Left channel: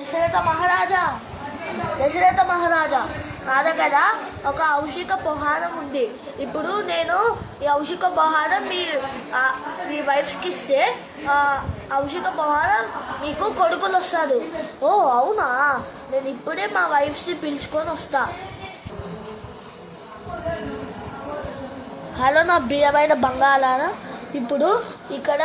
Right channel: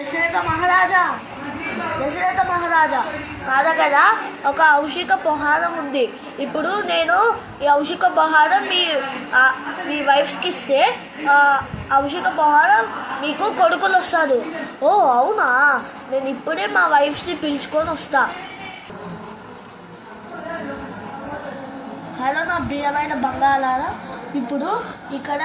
దశరథ మహారాజా నా దగ్గర ఒక ఔషిక పహారం ఉంది. ఇప్పుడు నేను ఈ ఔషిక పహారం మీ వైఫ్స్కి ఇస్తే ఔషిక పహారం మీకు కొడుకులు వస్తారు. ఓ అవునా, నేను ఇప్పుడే మా వైఫ్స్ని పిలుచుకొని వస్తా. హలో నా ప్రియమైన బంగాళారా, ఇప్పుడు ఇక్కడ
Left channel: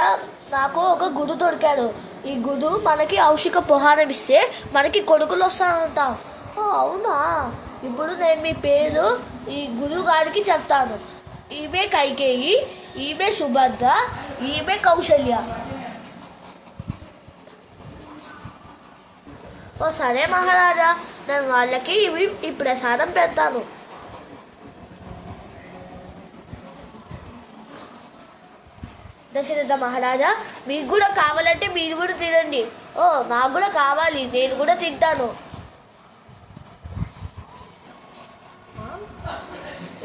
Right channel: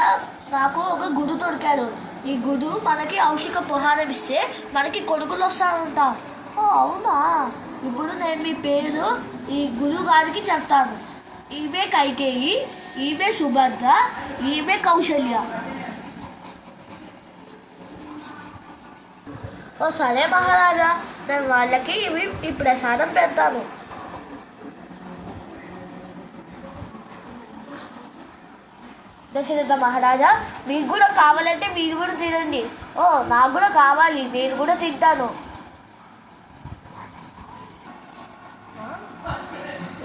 నాకు ఒక గుడు దొరికాడు. ఈ గుడు మనకి ఔషిక పహారం ఇస్తే మనకి కొడుకులు వస్తారంట. అవునా, ఇప్పుడు నేను మీ పేరు ఈ గురువు గారికి చెప్తాను. ఈమె కైకేయి, ఈమె సుభద్ర, ఈమె కౌశల్య. ఓ సరే మహారాజా, నేను వాళ్ళకి ఈ ప్రసాదం పెడతాను. దశరథ మహారాజా, మీకు కూడా కావాలంటే మీరు కూడా తినండి. ఓ నాకు కూడా కావాలి, నేను కూడా తింటాను.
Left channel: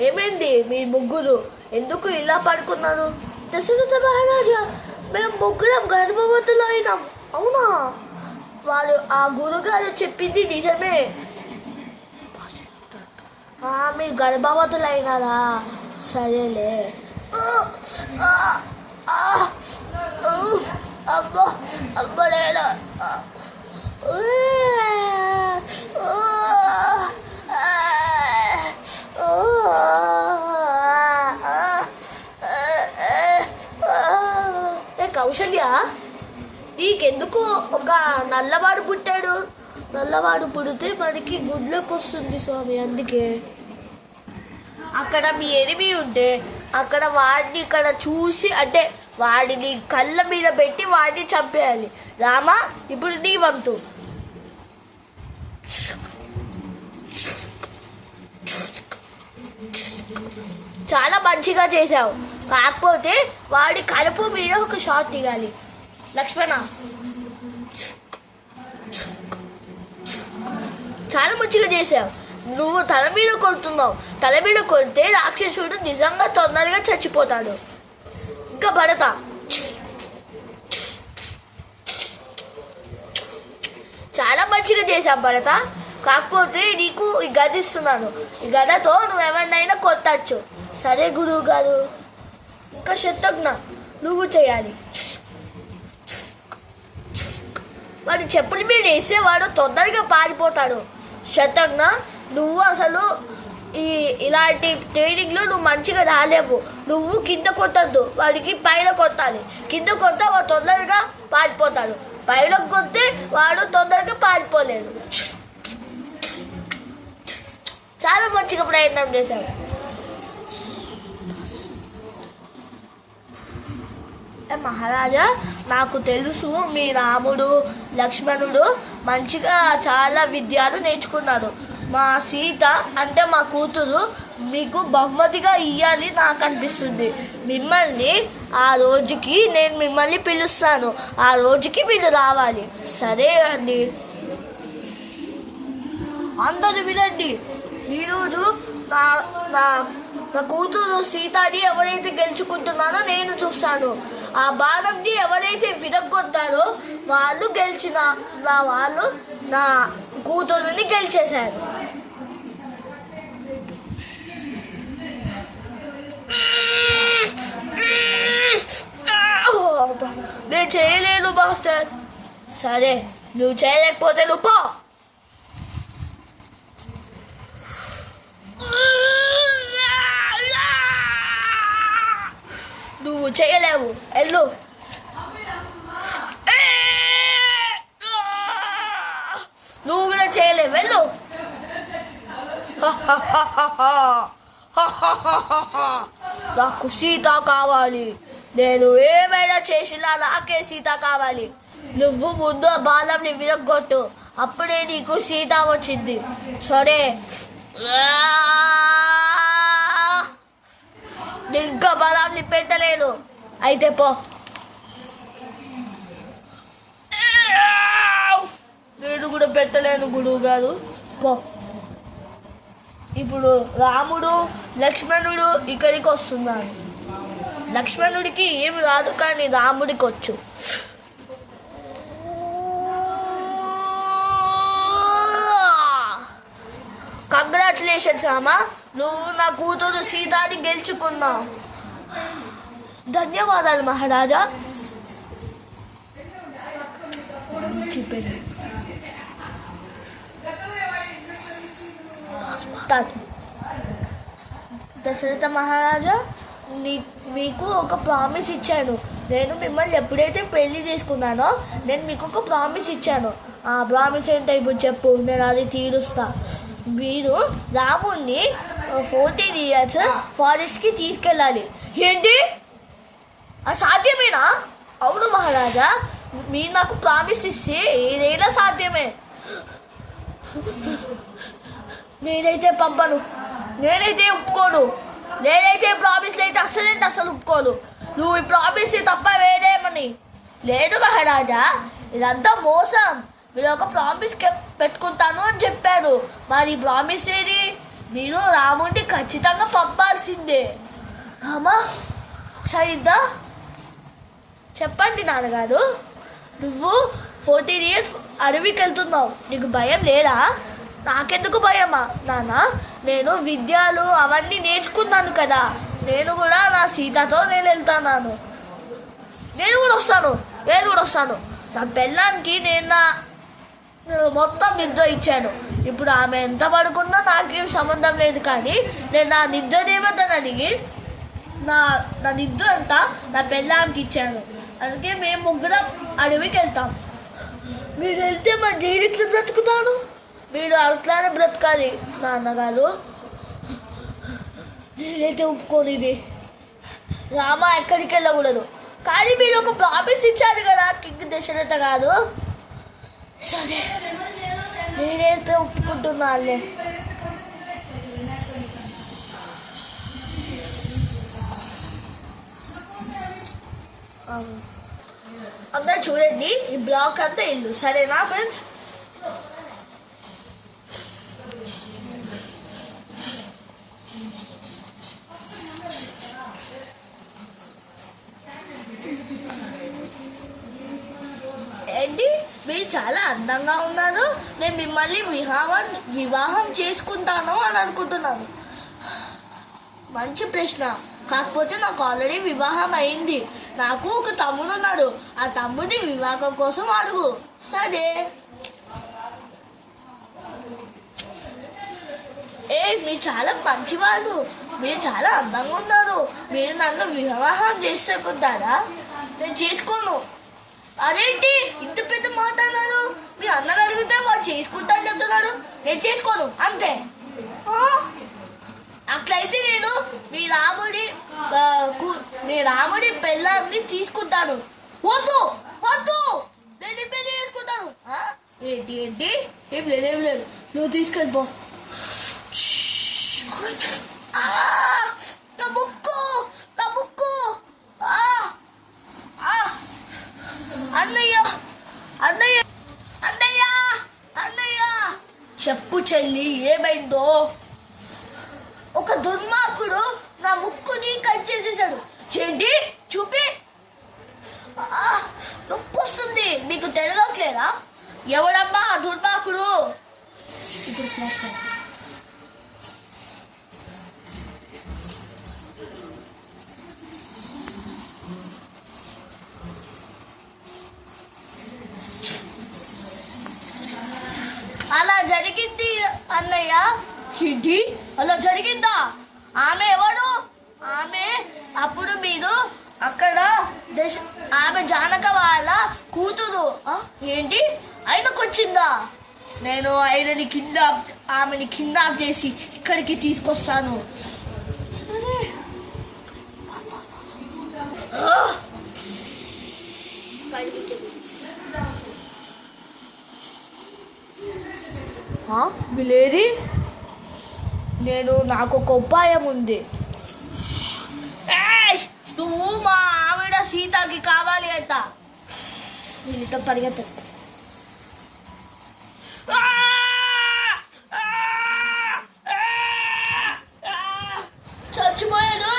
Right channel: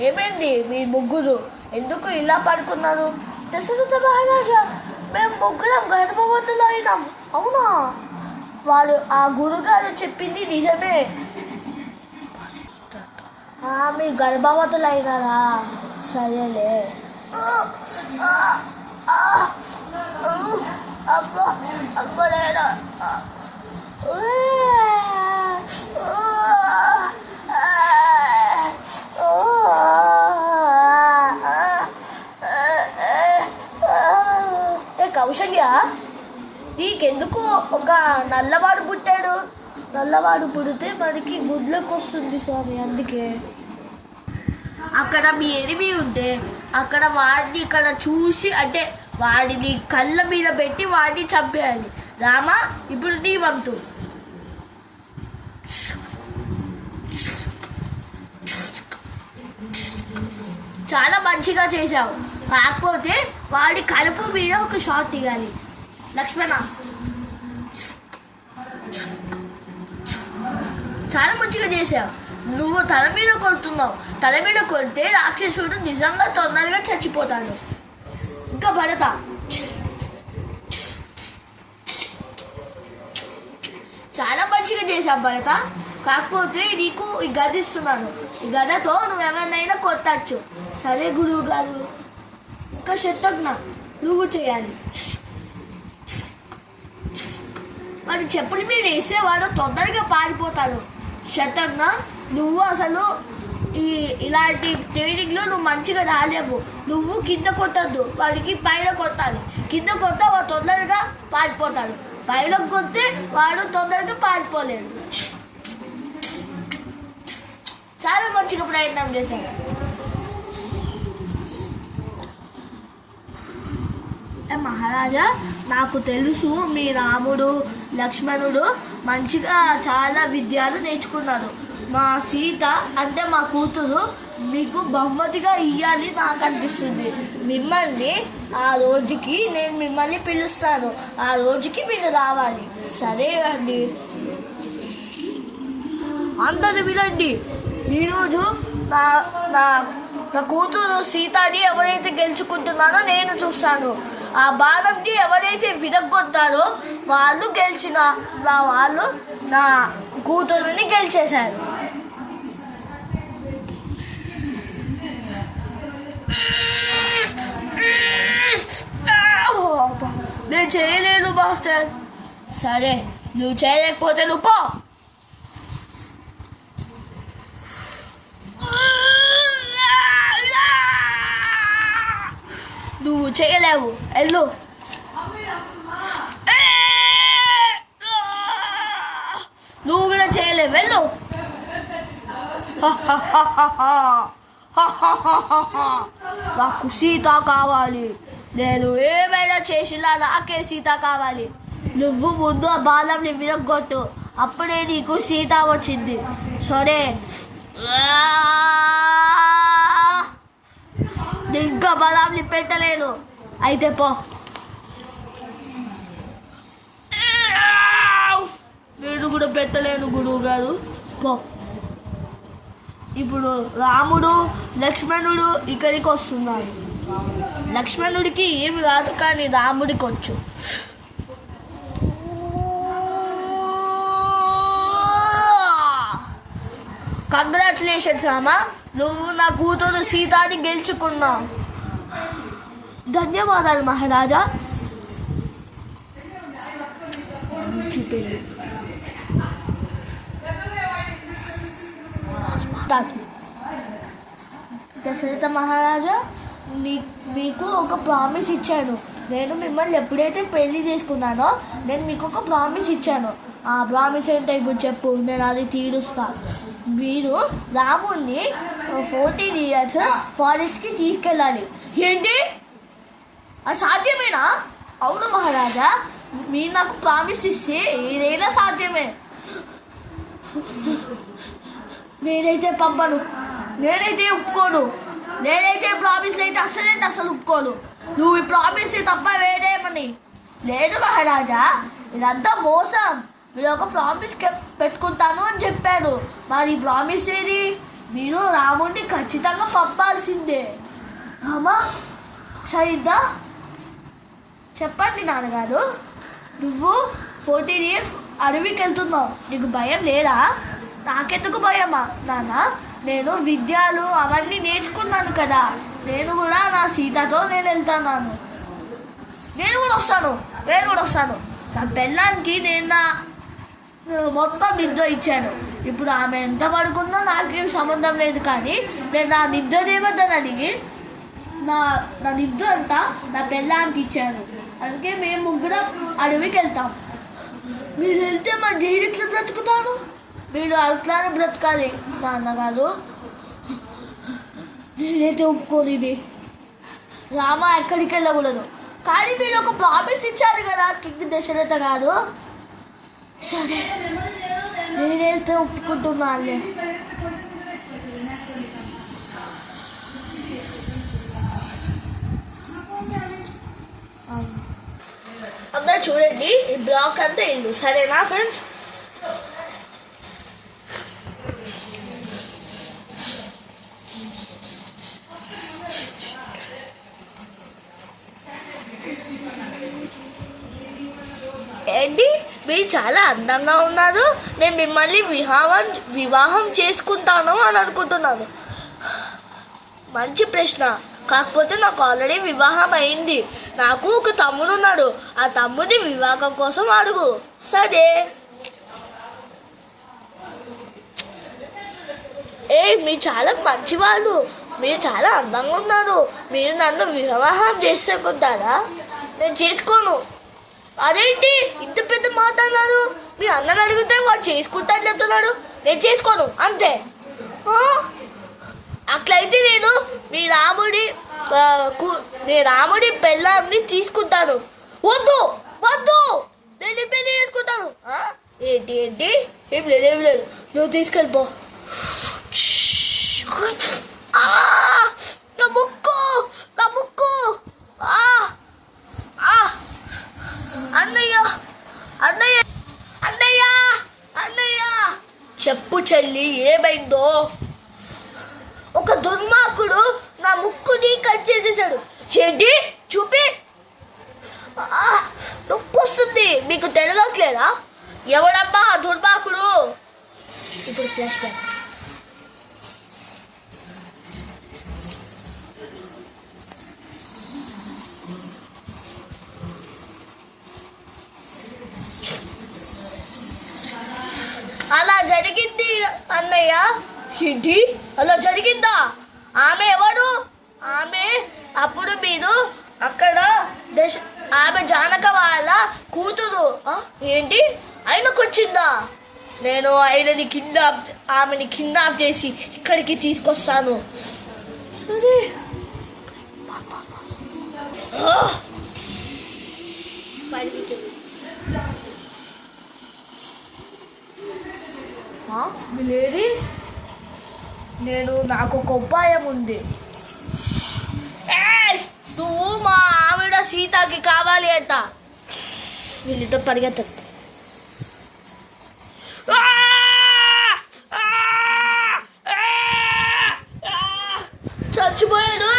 ఏమైంది మీ ముగ్గురు ఎందుకు ఇలా పడుకున్నారు? దశరథ మహారాజా, మేము ముగ్గురం గర్భవతులు అయినాం. అవునా, వాళ్ళు ఆ గురుగారు చెప్పింది నిజమే. మీరు గర్భవతులు అయినారా? సరేలే. అబ్బా అబ్బలేనా, కౌశల్య నీకెందుకు ఒక నల్లవాడు పుట్టాడు? నల్లవాడు పుడితే మనకి గుడ్లకు వస్తుంది స్వామి. అందుకే అక్కడ మీ ఎనిమి ఉంటే అక్కడ వాడిని ఇక్కడ చూసి, అంటే వాడిని కళ్ళ మీద పెట్టి వాడిని చంపేయాలి. రామా, ఇప్పుడు నీ వంతు. చాలా మంచిగా చేశావు, కాకపోతే వాడి కడుపు మీద ఒక షాట్ తీయాలి. లక్ష్మణ, చాలా మంచిగా చేశావు. నువ్వు తల మీద కొడుతున్నావు. తల మీద కొడితే రాక్షసుడు నిజంగా తొందరగా చచ్చిపోతాడు. ఇంకా భరత, చాలా మంచిగా చేశావు భరత, కాకపోతే నీకు ఈ గద ఇస్తున్నాను. ఈ గదతో నువ్వు ఎవరినైనా కొట్టచ్చు. సరే గురువు గారు. ఇంకా శత్రుఘ్న, నువ్వు చేయాలి. వాడు చెప్పుల మీద వేస్తే వాడు తొందరగా పారిపోతాడు. శత్రుఘ్న, నువ్వు అసలు ఇలాంటి ట్రైనింగ్లో నువ్వు మంచిగా రాలేవు. నువ్వు కింద కొట్టద్దు, వాడికి పైన కొట్టాలి. కింద కొట్ట వాడు తొందరగా పారిపోతాడు, పైన కొడితే వాడు తొందరగా పారిపోలేడు. చాలా మంచిగా ప్రయత్నం చేశాడు. మహారాజా, నాకు తెలుసు మీ రాముడు లక్ష్మణుడు మంచిగా చాలా విద్యను నేర్చుకున్నారు. మా సీత అంటే మా కూతురు మీకు బహుమతిగా ఇవ్వాలి నాకు అనిపిస్తుంది. మిమ్మల్ని ఆ రోజుకి నేను మిమ్మల్ని పిలుస్తాను. ఆ రోజుకి మీరు రావాలి. సరే అండి. అందరూ వినండి, ఈరోజు నా కూతురు సీతని ఎవరైతే గెలుచుకుంటున్నారో నేను చూస్తాను. ఆ బాణంని ఎవరైతే విరగొట్టారో వాళ్ళు వాళ్ళు నా కూతురుని గెలిచేశారు. నేను చేయలేను మాస్టర్. సరే, నువ్వు చేయలేకపోతే నువ్వు పో. నువ్వు చేయలేవు, వెళ్ళు. నువ్వు కూడా చేయలేవు, వెళ్ళు. నాకు సీత కావాలి. నేను ఏమైనా చేసినా నాకే సీత కావాలి. నువ్వు ముందు ఆ బాణంని విరగొట్టు, అప్పుడే నీకు సీత వచ్చింది. సరే, నేను ఇంకా బలాన్ని పెట్టలేను. అయితే పో. నేను కూడా పెట్టలేను గురువు గారు, పో. ఇప్పుడు రాముడు లక్ష్మణుడు ఇక్కడికి వస్తున్నారు. లక్ష్మణుడికి ఏమి రాదు, కానీ రాముడికి వచ్చు. కంగ్రాచులేషన్స్ రామా, నువ్వు నా కూతురు సీతాని గెలుచుకున్నావు. ధన్యవాదాలు మహారాజా. దశరథ మహారాజా, మీకు ఒక ప్రామిస్ ఇచ్చాను. నేను మిమ్మల్ని ఎప్పుడైతే పెళ్లి చేసుకున్నానో నేను మీకు ఒక ప్రామిస్ ఇచ్చాను. ఆ ప్రామిస్ ఏంటో ఇప్పుడు చెప్పు, నేను అది తీరుస్తా. మీరు రాముణ్ణి 14 years ఫారెస్ట్కి తీసుకెళ్ళాలి. ఏంటి, అది సాధ్యమేనా? అవును మహారాజా, మీరు నాకు ప్రామిస్ ఇస్తే ఏదైనా సాధ్యమే. నేనైతే పంపను, నేనైతే ఒప్పుకోను, నేనైతే ప్రామిస్ అయితే అసలు ఒప్పుకోను. నువ్వు ఈ ప్రామిస్ తప్ప వేరేమని లేదు మహారాజా, ఇదంతా మోసం. మీరు ఒక ప్రామిస్ పెట్టుకుంటాను అని చెప్పాడు, మరి ప్రామిస్ ఏది? మీరు రాముడిని ఖచ్చితంగా పంపాల్సిందే. రామా సరిద్దా చెప్పండి నాన్నగారు, నువ్వు 14 years అడవికి వెళ్తున్నావు, నీకు భయం లేదా? నాకెందుకు భయమా నాన్న, నేను విద్యలు అవన్నీ నేర్చుకున్నాను కదా. నేను కూడా నా సీతతో నేను వెళ్తున్నాను. నేను కూడా వస్తాను. నా పెళ్ళానికి నేను మొత్తం నిద్ర ఇచ్చాను. ఇప్పుడు ఆమె ఎంత పడుకున్నా నాకేం సంబంధం లేదు, కానీ నేను నా నిద్ర ఏమద్దని అడిగి నా నిద్ర అంతా నా పెళ్ళానికి ఇచ్చాను. అందుకే మేము ముగ్గురం అడవికి వెళ్తాం. మీరు వెళ్తే మరి నేను ఇట్లా బ్రతుకుతాను, మీరు అట్లానే బ్రతకాలి నాన్నగారు. నేనైతే ఒప్పుకోను ఇది. రామ ఎక్కడికి వెళ్ళకూడదు, కానీ మీరు ఒక ప్రామిస్ ఇచ్చారు కదా కింగ్ దశరథ గారు. సరే నేనైతే ఒప్పుకుంటున్నాను. అందరు చూడండి, ఈ బ్లాక్ అంతా ఇల్లు. సరేనా ఫ్రెండ్స్? ఏంటి, మీరు చాలా అందంగా ఉన్నారు, నేను మిమ్మల్ని వివాహం చేసుకుంటాను అని అనుకుంటున్నాను. మంచి ప్రశ్న, కాకపోతే నాకు ఆల్రెడీ వివాహం అయింది. నాకు ఒక తమ్ముడు ఉన్నాడు, ఆ తమ్ముడి వివాహం కోసం అడుగు. సరే, మీరు చాలా మంచివాళ్ళు, మీరు చాలా అందంగా ఉన్నారు, మీరు నన్ను వివాహం చేసుకుంటారా? నేను చేసుకోను. అదేంటి ఇంత పెద్ద మాట అన్నారు? మీ అన్నని అడిగితే వాడు చేసుకుంటా అని చెప్తున్నాడు. నేను చేసుకోను అంతే. అట్లయితే నేను మీ రాముడి పెళ్ళాన్ని తీసుకుంటాను. వద్దు నేను పెళ్లి చేసుకుంటాను. ఏంటి ఏం లేదు, నువ్వు తీసుకెళ్ళిపో. నా ముక్కు అన్నయ్య చెప్పు చెల్లి, ఏమైందో? ఒక దుర్మార్గుడు నా ముక్కుని కట్ చేసేసాడు. ఏంటి చూపి, నొప్పి వస్తుంది. మీకు తెలియట్లేదా? ఎవడమ్మా ఆ దుర్మార్గుడు? ఇప్పుడు ఫ్లాష్ బ్యాక్. అలా జరిగింది అన్నయ్య. ఏంటి అలా జరిగిందా? ఆమె ఎవరు? ఆమె అప్పుడు మీరు అక్కడ ఆమె జానక వాళ్ళ కూతురు. ఏంటి ఆయనకు వచ్చిందా? నేను ఆమెని కిడ్నాప్ చేసి ఇక్కడికి తీసుకొస్తాను. సరే, లేది, నాకు ఒక ఉపాయం ఉంది. నువ్వు మా ఆవిడ సీతకి కావాలి అంట. వీళ్ళతో పరిగెత్త. చచ్చిపోయాడు.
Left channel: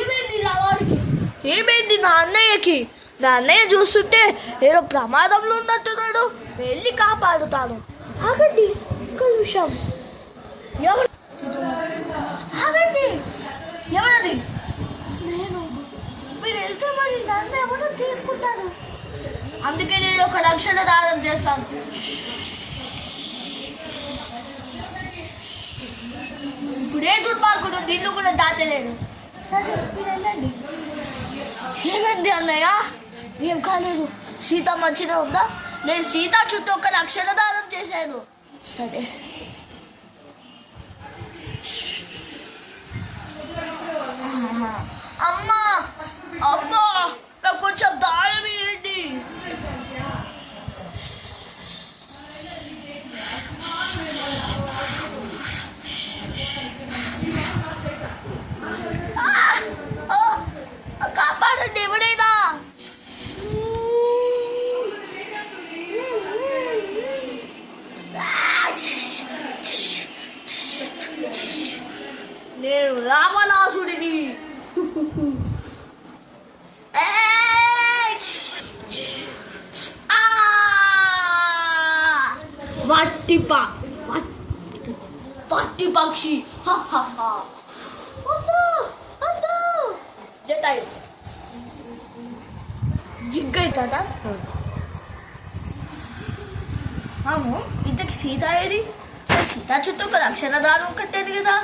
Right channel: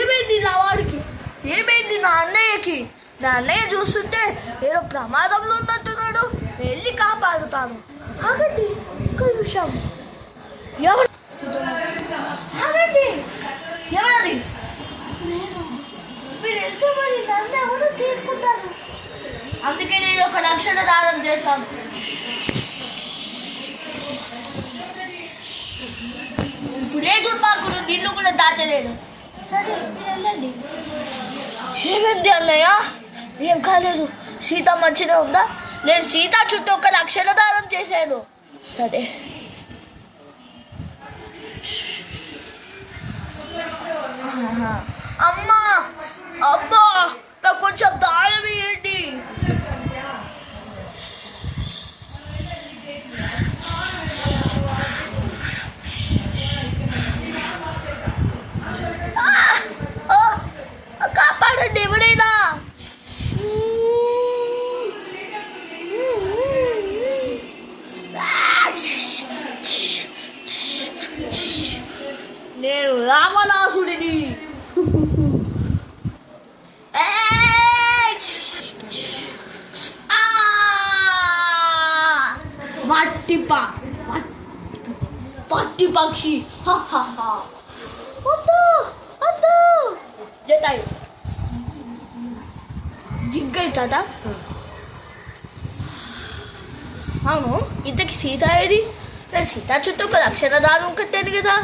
ఏమైంది నా వాడికి? ఏమైంది నా అన్నయ్యకి? నా అన్నయ్య చూస్తుంటే ఏదో ప్రమాదంలో ఉన్నట్టున్నాడు, వెళ్ళి కాపాడుతాను. ఆగండి, ఒక్క నిమిషం. ఎవరు? ఆగండి, ఎవరది? నేను. మీరు వెళ్తే మరి నన్ను ఎవరు తీసుకుంటారు? అందుకే నేను ఒక రక్షణ దానం చేస్తాను. ఇప్పుడే దుర్మార్గుడు నిన్ను కూడా దాటలేడు. సరే మీరు వెళ్ళండి. ఏమైంది అన్నయ్య? ఏం కాలేదు, సీత మంచిగా ఉందా? నేను సీత చుట్టూ ఒక రక్షణ దానం చేశాను. సరే అమ్మా, అబ్బా, నాకు కొంచెం దానం ఇవ్వండి. కాపాడండి ఎవరైనా. నేను రావణాసుడిని. పట్టి పక్షి జతాయు జిగ్గవుతుందా? అవును, ఇంతకి సీత ఏది? సీత చుట్టూ ఒక రక్షణ దానం కట్టాను కదా,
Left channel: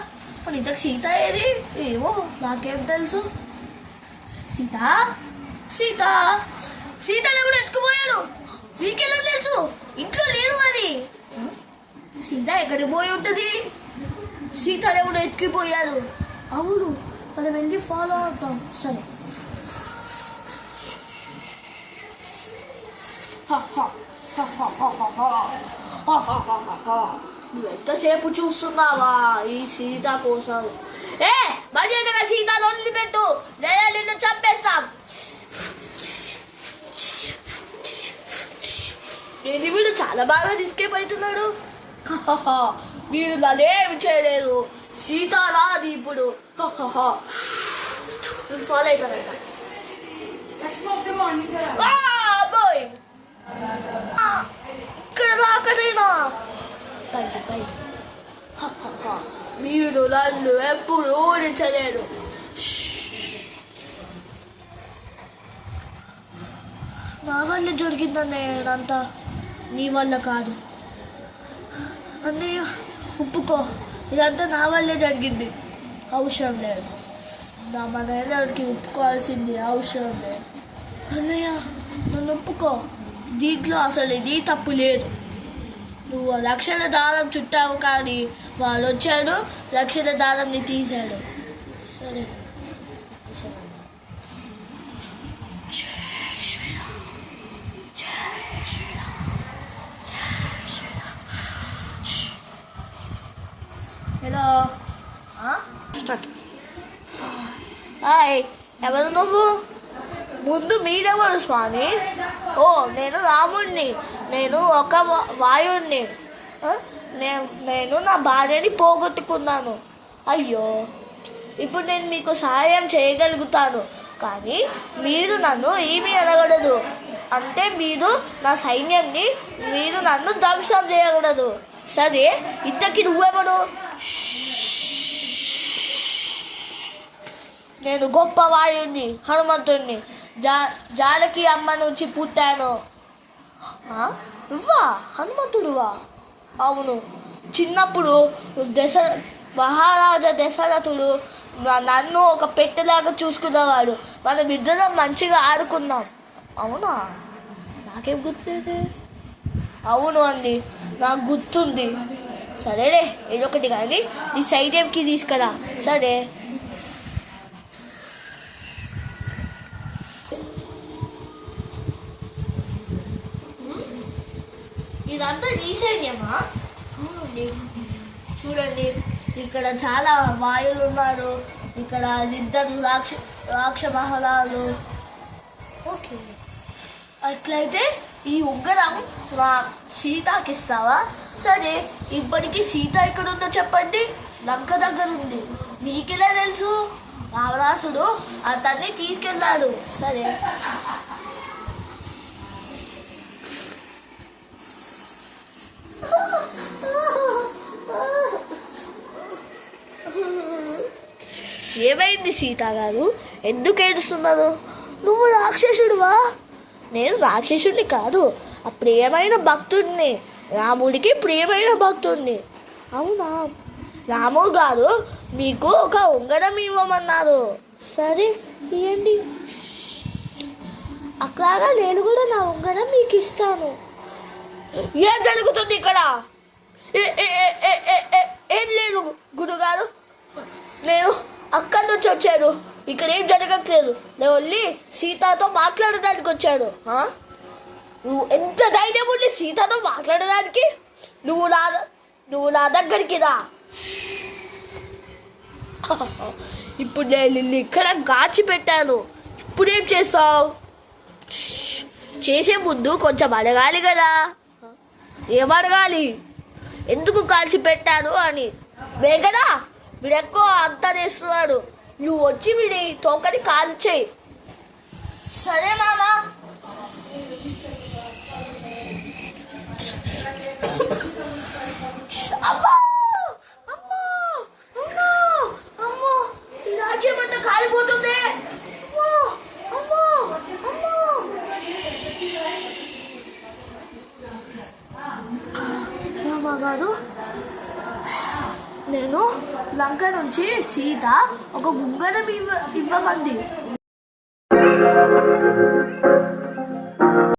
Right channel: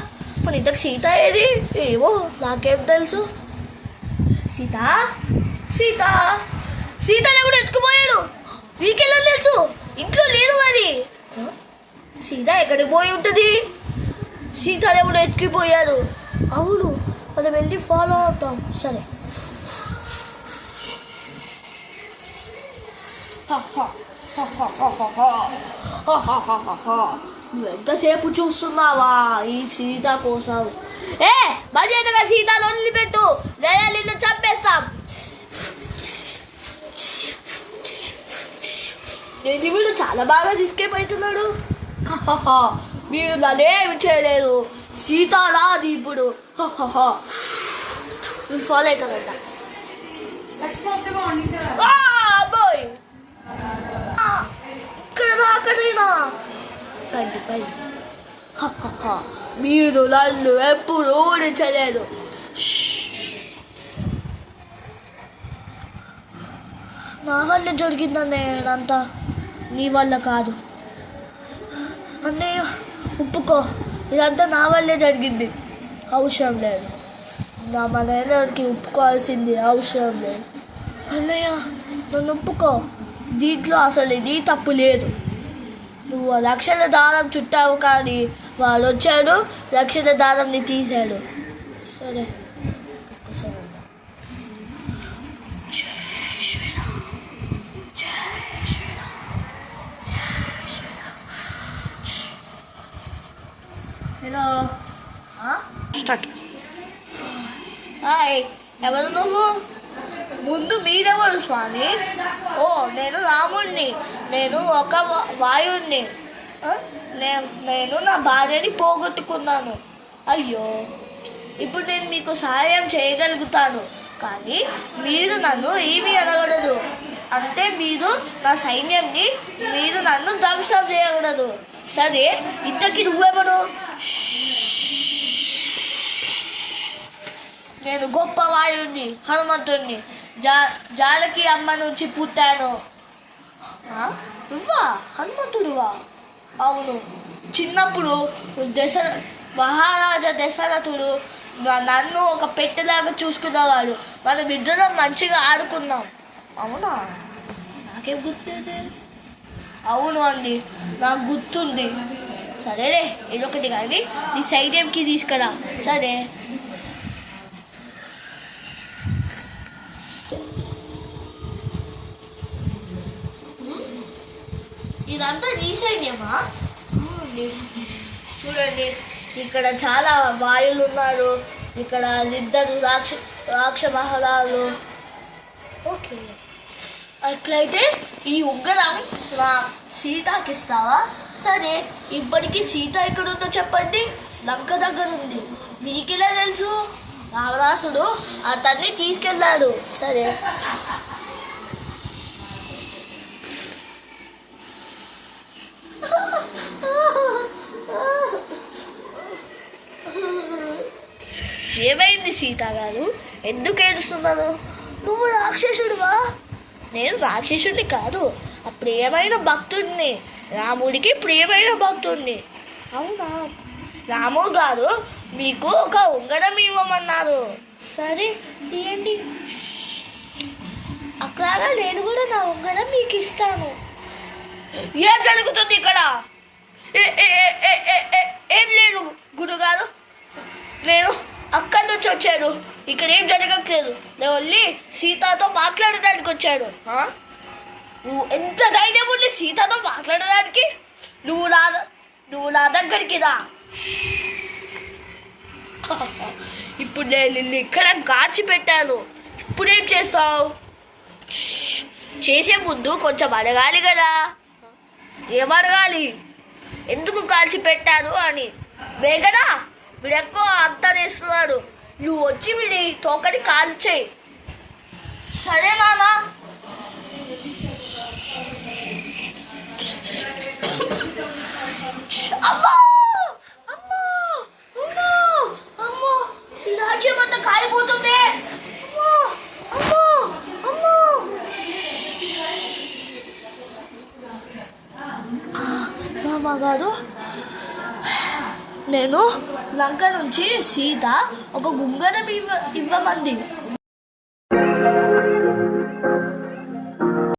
మరి ఇంతకు సీత ఏది? ఏమో నాకేం తెలుసు. సీత సీత సీతని కూడా ఎత్తుకుపోయాడు. వీకెళ్ళి తెలుసు, ఇంట్లో లేదు. మరి సీత ఎక్కడికి పోయి ఉంటుంది? సీతని కూడా ఎత్తుకుపోయాడు. అవును, మనం వెళ్ళి ఫాలో అవుతాం. సరే. నువ్వు ఎంతసేపు చూస్తున్నావా ఈ సీత కోసం? మర్యాదగా సీతను వదిలిపెట్టు, లేదా నిన్ను చంపేస్తాం. ఏంటి వీడు చాలా బాగా తీసుకెళ్తున్నాడు. మీరు నన్నేమి చేయలేదు, సీత రాది ఇప్పుడు. మీరు ఫాలో అవుతారంట. ఇక్కడ రాకనేనా? మీరు నన్ను ఎప్పుడు ఓడించలేదు. నా వల్ల జరిగిందన్నయ్య, అంతా నీ వల్ల కాదు. అన్నయ్య ఒప్పుకో, ఇదంతా నా వల్లే జరిగింది. అవసరం లేదు, నా మనకి ఒప్పుకోవాల్సింది అవసరం లేదు. అన్నయ్య నన్ను ఒప్పుకో, దీంట్లో అసలు నీ తప్పు లేదు. నువ్వు రక్షణ దారం చుట్టావు, కానీ వాడు వచ్చాడు, రక్షణ దారంని తీశాడు. సరే సరే. Hello, start. హాయ్, ఎవరు నువ్వు? ముందు మీరెవరు స్వామి? ఓ, నేను రాముడిని. నేను ఒక వాయుడిని. నేను నా భార్యని పోగొట్టుకున్నాను. అయ్యో, ఇప్పుడు నేను మీకు సహాయం చేయగలుగుతాను, కానీ మీరు నన్ను ఏమీ అనకూడదు. అంటే మీరు నా సైన్యాన్ని, మీరు నన్ను ధ్వంసం చేయకూడదు. సరే, ఇంతకీ నువ్వెవడు? నేను గొప్ప వాయుడిని, హనుమంతుడిని. జానకి అమ్మ నుంచి పుట్టాను. నువ్వా హనుమంతుడువా? అవును. చిన్నప్పుడు మహారాజా దశరథుడు నన్ను ఒక పెట్టెలాగా చూసుకునేవాడు. మనం ఇద్దరం మంచిగా ఆడుకున్నాం. అవునా? నాకేం గుర్తులేదు. అవును అండి, నాకు గుర్తుంది. సరేలే, ఏదొకటి కానీ నీ సైన్యంకి తీసుకురా. సరే. ఇదంతా నీ సైన్యమా? చూడండి, ఇక్కడ చాలా వాయులు ఉన్నారు. ఇక్కడ ఇద్దరు రాక్ష మహారాజు. ఓకే, అట్లయితే ఈ ఉగ్రం నా సీతకి ఇస్తావా? సరే, ఇప్పటికీ సీత ఎక్కడుందో చెప్పండి. లంక దగ్గర ఉంది. మీకెలా తెలుసు? రావణాసుడు అతన్ని తీసుకెళ్ళాడు. సరే, ఏమైంది సీత గారు, ఎందుకు ఏడుస్తున్నారు? నువ్వు రాక్షసుడివా? నేను రాక్షసుడిని కాదు, ఆ ప్రియమైన భక్తుడిని, రాముడికి ప్రియమైన భక్తుడిని. అవునా? రాముడు గారు మీకు ఒక ఉంగరం ఇవ్వమన్నారు. సరే ఇవ్వండి. అట్లాగా నేను కూడా నా ఉంగరం మీకు ఇస్తాను. ఏం జరుగుతుంది ఇక్కడ? ఏం లేదు గురుగారు, నేను అక్కడి నుంచి వచ్చాను. ఇక్కడ ఏం జరగట్లేదు. నేను వెళ్ళి సీతతో మాట్లాడడానికి వచ్చాను. నువ్వు ఎంత ధైర్యం ఉంది సీతతో మాట్లాడడానికి? నువ్వు నా దగ్గరికి రా. ఇప్పుడు నేను నిన్ను ఇక్కడ గాచిపెట్టాను. ఇప్పుడేం చేస్తావు? చేసే ముందు కొంచెం అడగాలి కదా. ఏమడగాలి? ఎందుకు కాల్చి పెట్టాను అని. వేగనా వీడు ఎక్కువ అంతా చేస్తున్నాడు. నువ్వు వచ్చి వీడి తోకని కాల్చేయి. సరే నానా. అమ్మో అమ్మో అమ్మో అమ్మో, ఈ రాజ్యం అంతా కాలిపోతుంది. అమ్మో అమ్మో అమ్మో. రామగారు, నేను లంక నుంచి సీత ఒక ఉంగరం ఇవ్వమంది.